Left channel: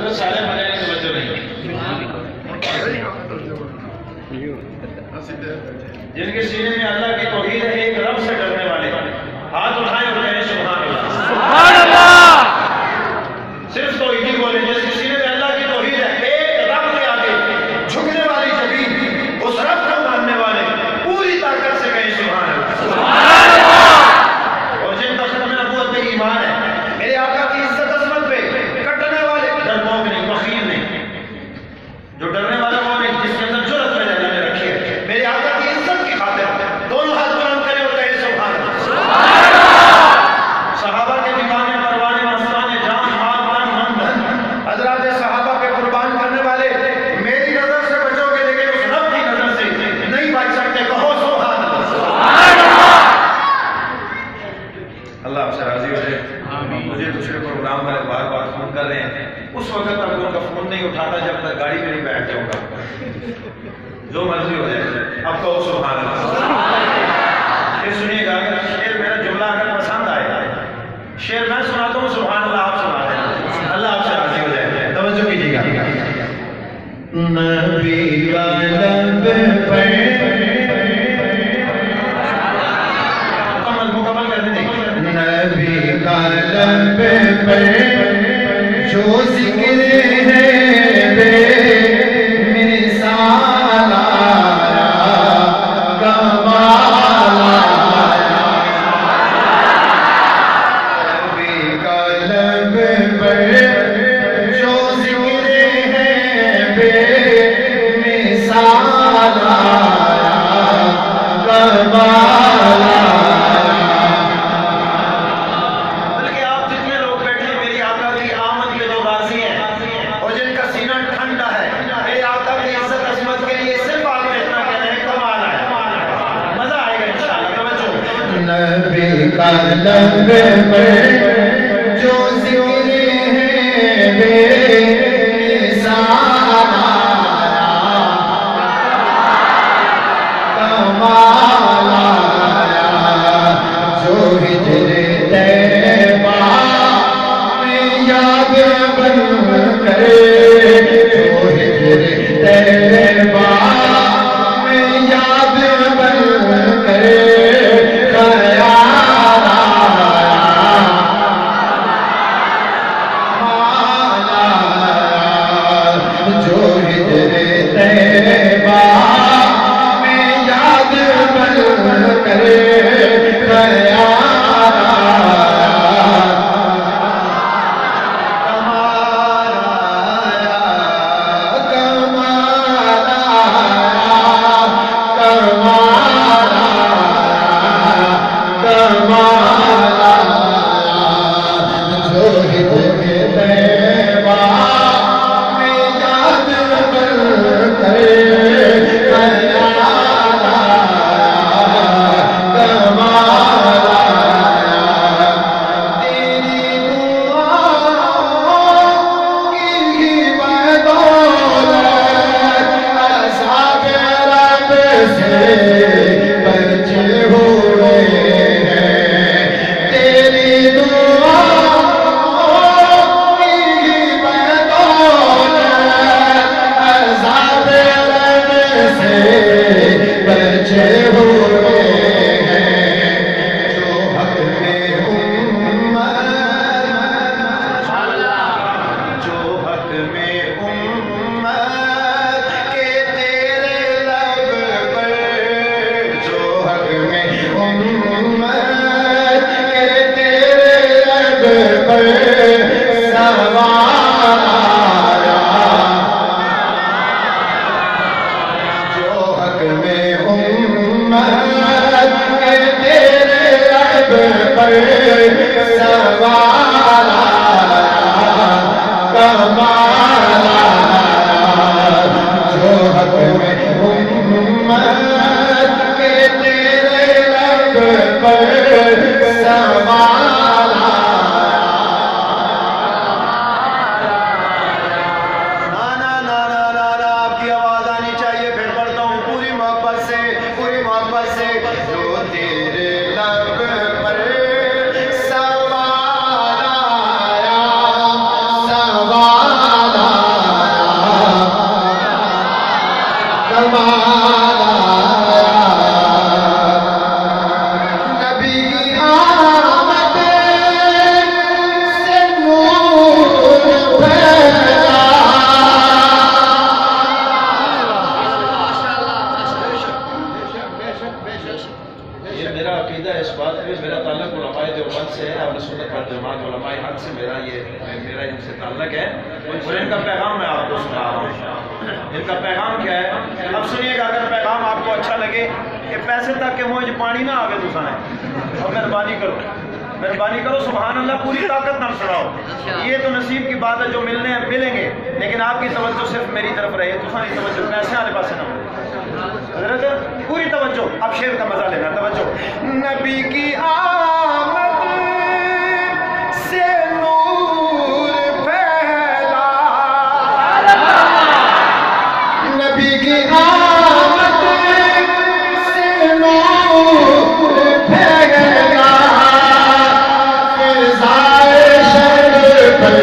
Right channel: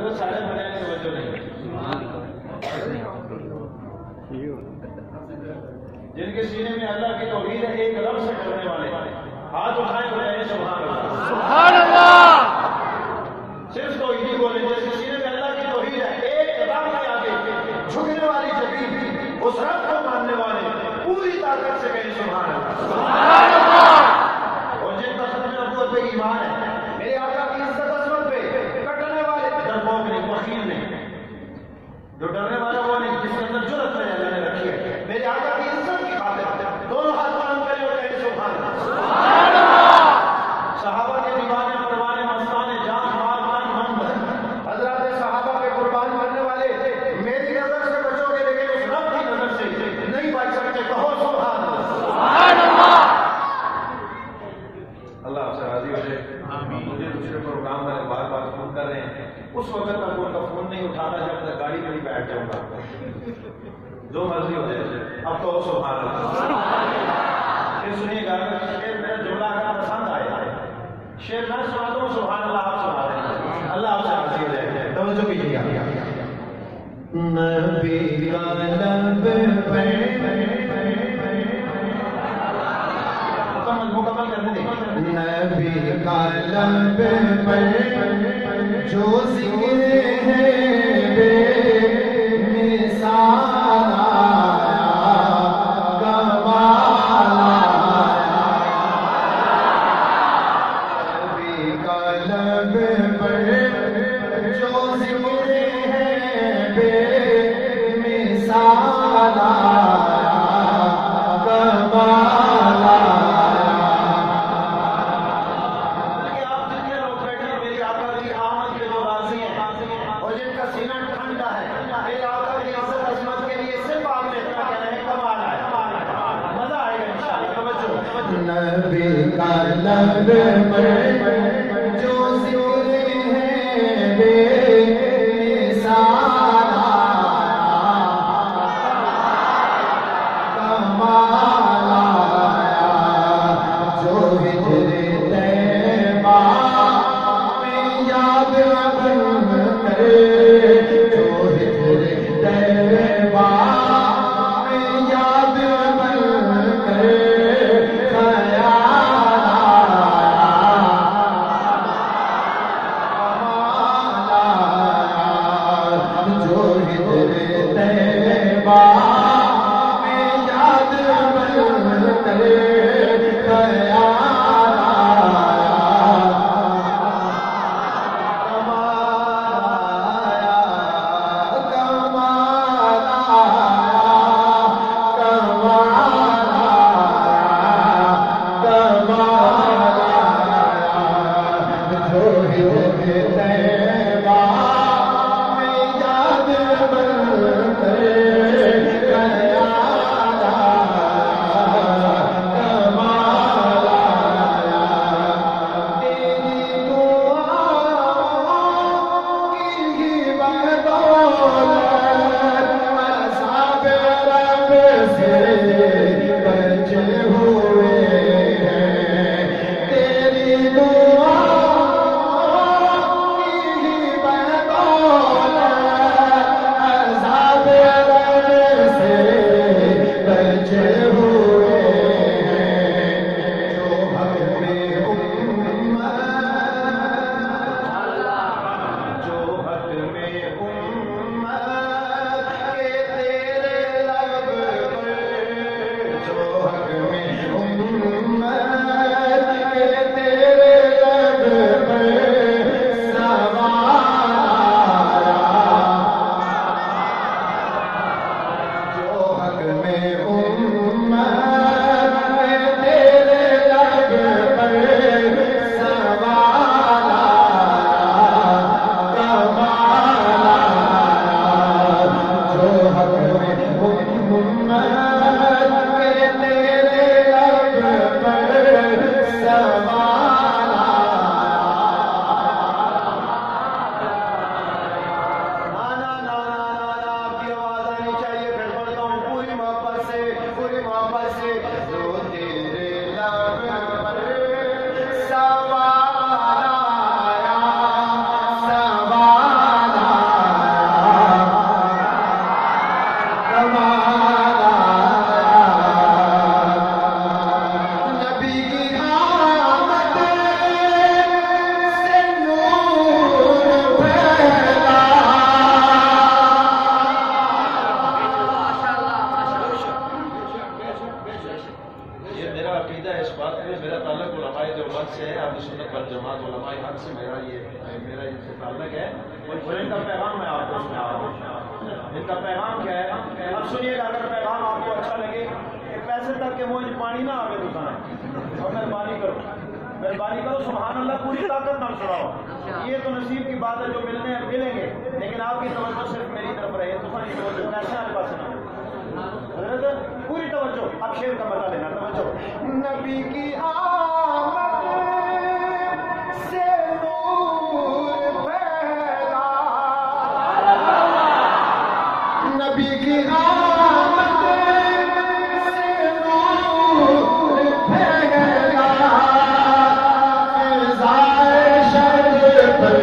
حضرت سارے مجھے توجہ نہیں، جن کے سینے میں اللہ کی توحید ہے، ایک رب سے ڈرنے والے، ہاتھ اٹھائیں اور کہیں سبحان اللہ، سبحان اللہ. صرف توحیدی بولیں. جس کے سینے میں اللہ کی توحید ہے، ایک رب کے آگے جھکنے والی زمین، اس رب کو ماننے والے پوری طاقت سے کہیں سبحان اللہ، سبحان اللہ. اور جن کا ختم نبوت پہ ایمان ہے، میرے آقا کی عزت عظمت پہ کٹنے والے، ڈرپوک نہیں، بخیل نہیں. جو ڈرنے والا وہ نہیں جس کے اندر جرأت میں اللہ نے رکھی ہے. میرے آقا کی عزت کی خاطر دونوں ہاتھ بلند کریں اور کہیں سبحان اللہ، سبحان اللہ. صحابہ کے دیوانے پروانے مستانے جان مال من من دھن، حضرات صحابہ کے قربان کرنے والے، میری نظر سے بچو گے لیکن اس رب کی نظر سے نہیں بچ سکتے. کہو سبحان اللہ، سبحان اللہ. اللہ آپ سے راضی ہو جائے. مجھے دوسرے پروگرام والے بار بار فون کر رہے ہیں، اس وقت تک ان کا فون نہیں اٹھاتا جب تک گاڑی میں نہیں بیٹھ جاؤں گا. جو مرضی ہو جائے، اب کہو سبحان اللہ. پھر سنیے گا، اگر شعر میرا جملہ اگر پسند آئے، شعر میں سناتا ہوں، سبحان اللہ آپ سنا دیں. اللہ آپ سے راضی ہو جائے. توجہ کیجیے گا. نبی کا لب پر مکمل کر دیں. نبی کا لب پر جو ذکر ہے بے مثال آیا، کمال آیا. نبی کا لب پر جو ذکر ہے بے مثال آیا، کمال آیا. بلکہ آپ جتنے لوگ بیٹھے ہیں میری آقا کی آمد کے جو راضی ہیں اور جن کا سینہ ٹھنڈا ہے، میرے آقا کی عزت عظمت کے لیے صرف آپ نے اتنا کہنا ہے کمال آیا. مزہ آئے گا انشاءاللہ. توجہ. نبی کا لب پر جو ذکر ہے بے مثال آیا، کمال آیا. جو ہجر طیبہ میں یاد بن کرے، جو ہجر طیبہ میں یاد بن کرے، خیال آیا، کمال آیا. جو ہجر طیبہ میں یاد بن کرے، کرے تعلق ہے. اور ان کا پیغام میں آپ کو سنا رہا ہوں. ان کا پیغام کیا ہے؟ اب سنیے گا. اگر پیغام آپ کو اچھا لگے کہ پیسے تک کہ مجھے پانی نہ آگے تو سنیں. اور مہربانی کرو سبحان اللہ پوری طاقت نہ سناؤ. یہ تو نصیب کی بات ہے, جو ملنے ہیں ملیں گے, لیکن آپ کی توجہ صرف میری طرف رہے. دوسری توجہ پیسے والے پاس نہ ہو. حضرت پوری توجہ. اب شعر کا مزہ لینا. توجہ. نبی کی آمد سے نور پھیلا, نبی کی آمد سے نور پھیلا, فضائے شر پر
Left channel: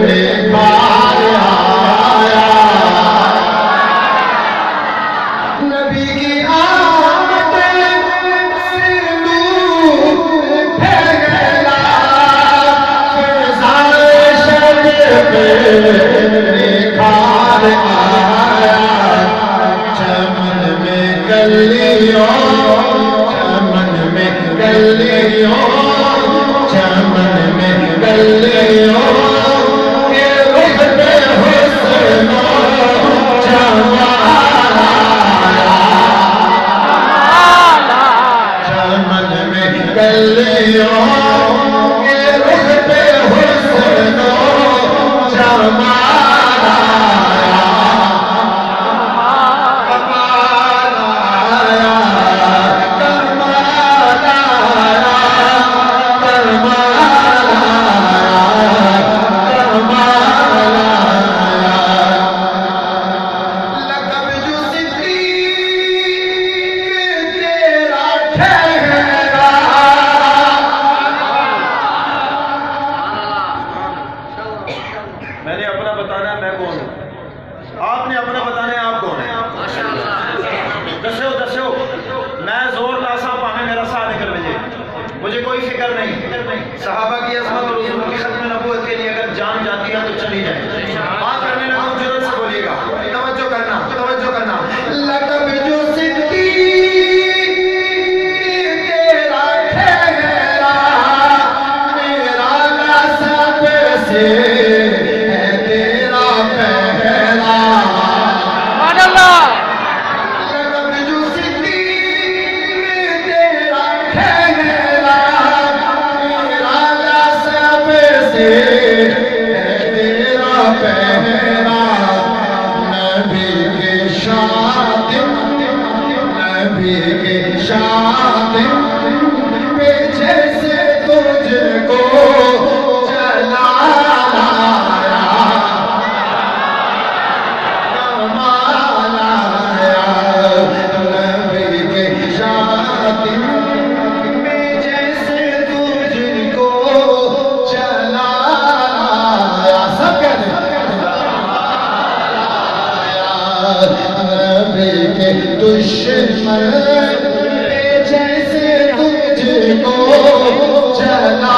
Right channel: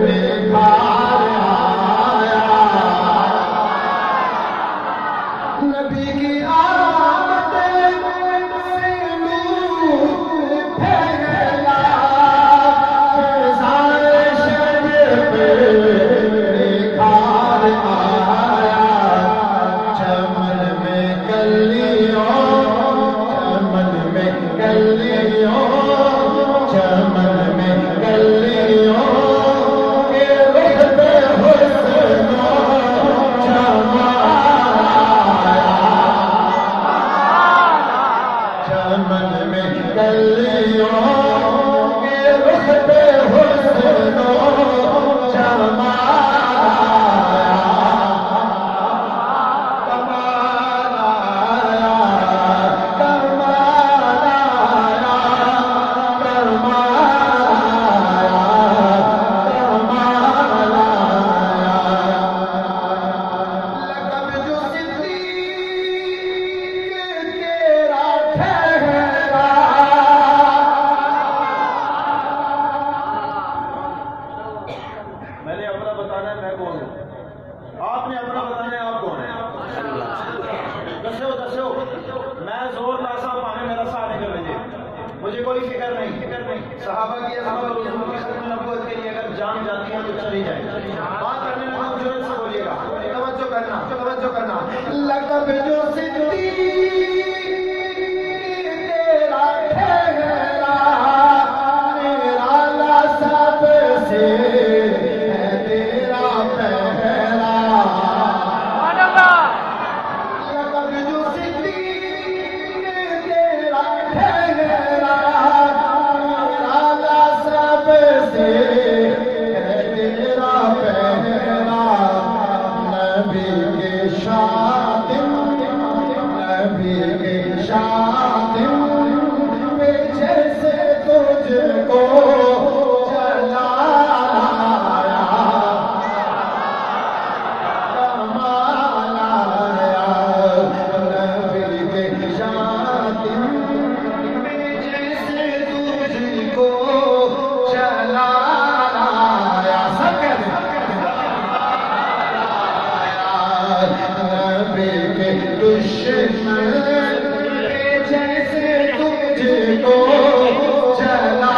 نکھار آیا. نبی کی آمد سے نور پھیلا, فضائے شر پر نکھار آیا. چمن میں کلیوں, چمن میں کلیوں, چمن میں کلیوں کے رخ پہ حسن و جمال آیا. چمن میں کلیوں کے رخ پہ حسن و جمال آیا. کمال آیا, کمال آیا, کمال آیا, کمال آیا. لقب جو صدیق تیرا ٹھہرا, میں نے اپنا بتانا ہے میں کون ہوں, آپ نے اپنا بتانا ہے آپ کون ہیں. دسو میں زور لاسا پاہمیں میرا ساتھ نکل بجے, مجھے کوئی فکر نہیں. صحابہ کی عظمت اور حضور کی ختم نبوت کے لیے اگر جان جاتی ہے تو چلی جائے. بات کرنے لگا ہوں جرات سے بولیے گا. توجہ کرنا, توجہ کرنا. لقب جو صدیق تیرا ٹھہرا, میرا لاسا سے ہے تیرا پہرا. سبحان اللہ. لقب جو صدیق تیرا ٹھہرا, میرا لاسا سے ہے تیرا پہرا. نبی کے شاطن, نبی کے شاطن پہ جیسے تجھ کو جلایا. کمال آیا. نبی کے شاطن پہ جیسے تجھ کو جلایا. سب کہتے ہیں نبی کے دشمن پہ جیسے تجھ کو جلایا.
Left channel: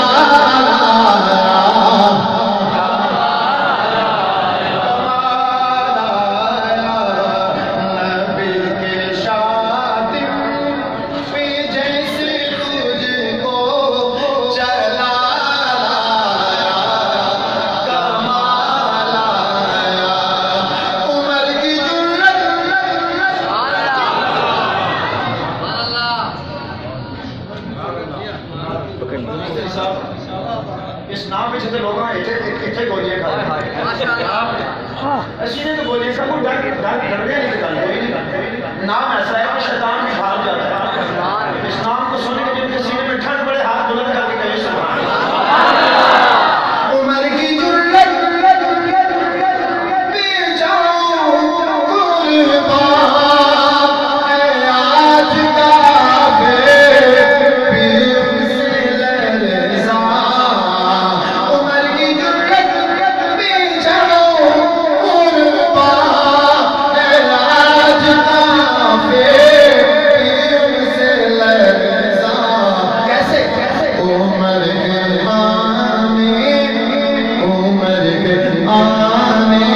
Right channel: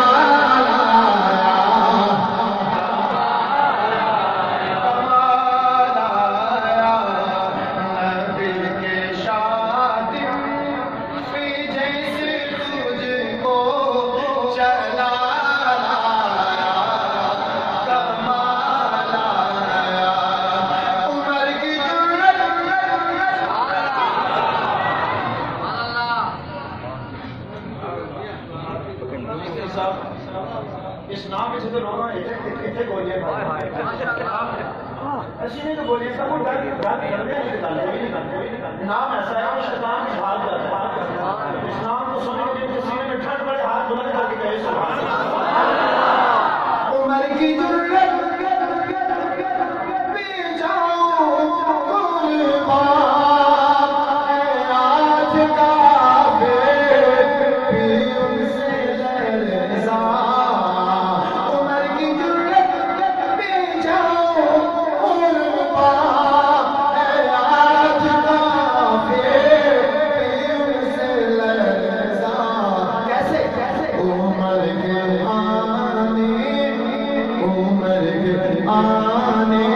کمال آیا. نبی کے شاطن پہ جیسے تجھ کو جلایا. کمال آیا. عمر کی جرت, اس نام میں لوگ اتنے گولیاں کھاتے ہیں. اسی نے تو گولیاں سب کو ڈر گیا نہیں نکالنا. کوئی نہیں کرتا. نام ایسا ہے کہ شیطان بھی بھاگ جاتا ہے. اس نام کو سننے کے جن کے سینے میں ٹھنڈ پڑے ہاتھ بلند کر کے کہے سبحان اللہ. عمر کی جرت پہ جاؤں قربان, اے آج کافر پیر سے لرزاں. عمر کی جرت پہ جاؤں قربان, اے آج کافر پیر سے لرزاں. کیسے عمر کے آنے, عمر کے آنے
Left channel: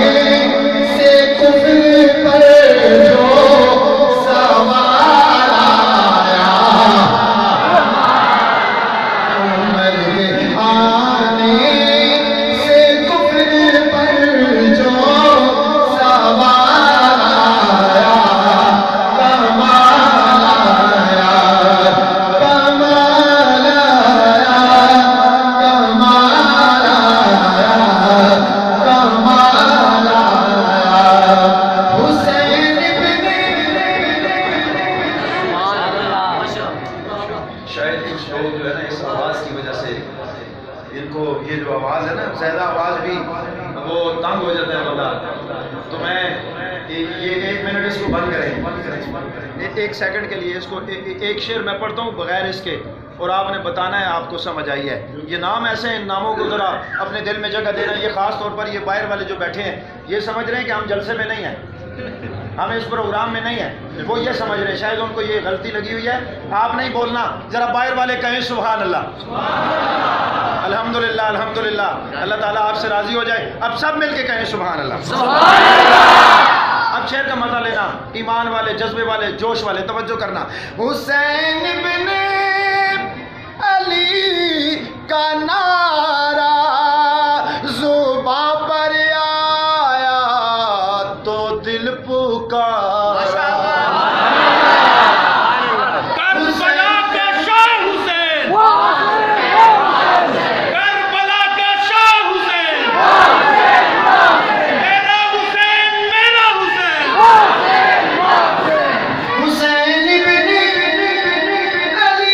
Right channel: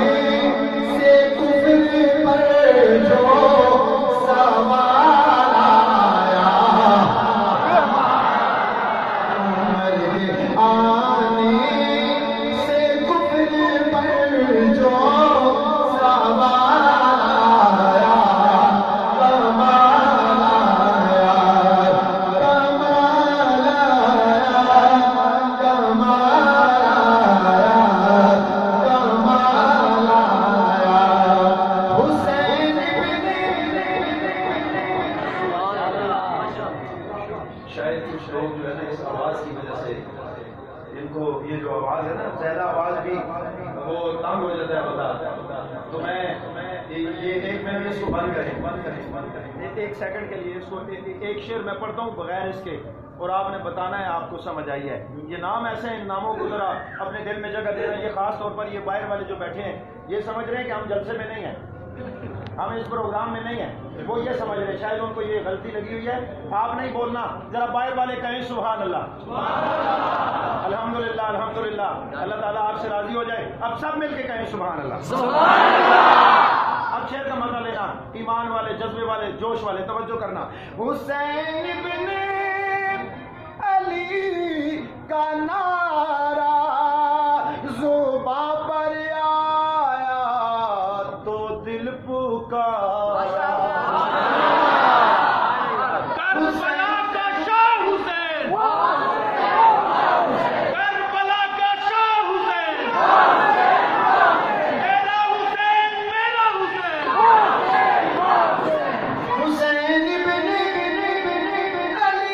سے کفر پر جو سوال آیا. عمر کے آنے سے کفر زیادہ آواز بھی وہ تنگ ہو جاتا ہے بندہ، تو میں یہ 1 منٹ اس کو بند کریں، 1 سیکنڈ کے لیے اس کو ایک شعر میں پڑھتا ہوں بغیر اس کے، اور آپ نے بتانا ہے آپ کو سمجھ آئی ہے۔ یہ نام ایسے ہیں، ان ناموں کو ذرا اپنے دل میں جگہ دینا۔ یہ خاص طور پر یہ باہر والے جو بیٹھے ہیں یہ سمجھ رہے ہیں کہ ہم جلسے میں نہیں ہیں، ہم اس پروگرام میں نہیں ہیں، وہ یہ سمجھ رہے ہیں، شاید ان کو یہ غلطی لگی ہوئی ہے۔ آپ نہیں بولنا، ذرا باہر والے کہیں سبحان اللہ، الحمدللہ الحمدللہ، اللہ تعالیٰ آپ سے راضی ہو جائے۔ اب سب مل کے کہیں سبحان اللہ۔ اب شعر کا مزہ لینا، ایمان والے، جذبے والے، جوش والے، توجہ کرنا۔ حسین بن علی کا نعرہ زباں پر آیا تو دل پکارا، کربلا کا شاہ حسین، کربلا کا شاہ حسین، میرا حسین، میرا حسین، حسین بن علی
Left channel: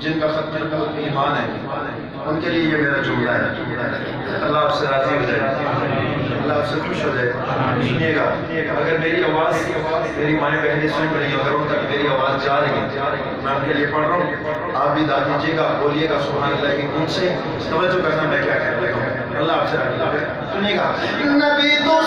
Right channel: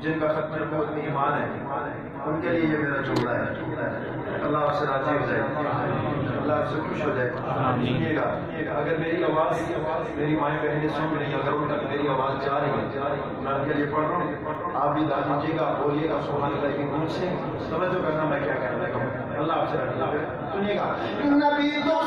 جن کا ختم نبوت میں ایمان ہے ان کے لیے یہ میرا جملہ ہے۔ اللہ آپ سے راضی ہو جائے، اللہ آپ سے خوش ہو جائے۔ سنیے گا، اگر میری آواز میری مائیں بہنیں سن رہی ہیں، اگر ان تک میری آواز جا رہی ہے، میں ان کے لیے پڑھ رہا ہوں، آپ بھی داد دیجیے گا، بولیے گا سبحان اللہ کی گونج سے، توجہ کرنا میں کیا کہنے لگا ہوں۔ اللہ آپ سے راضی ہو جائے۔ سنیے گا، نبی تو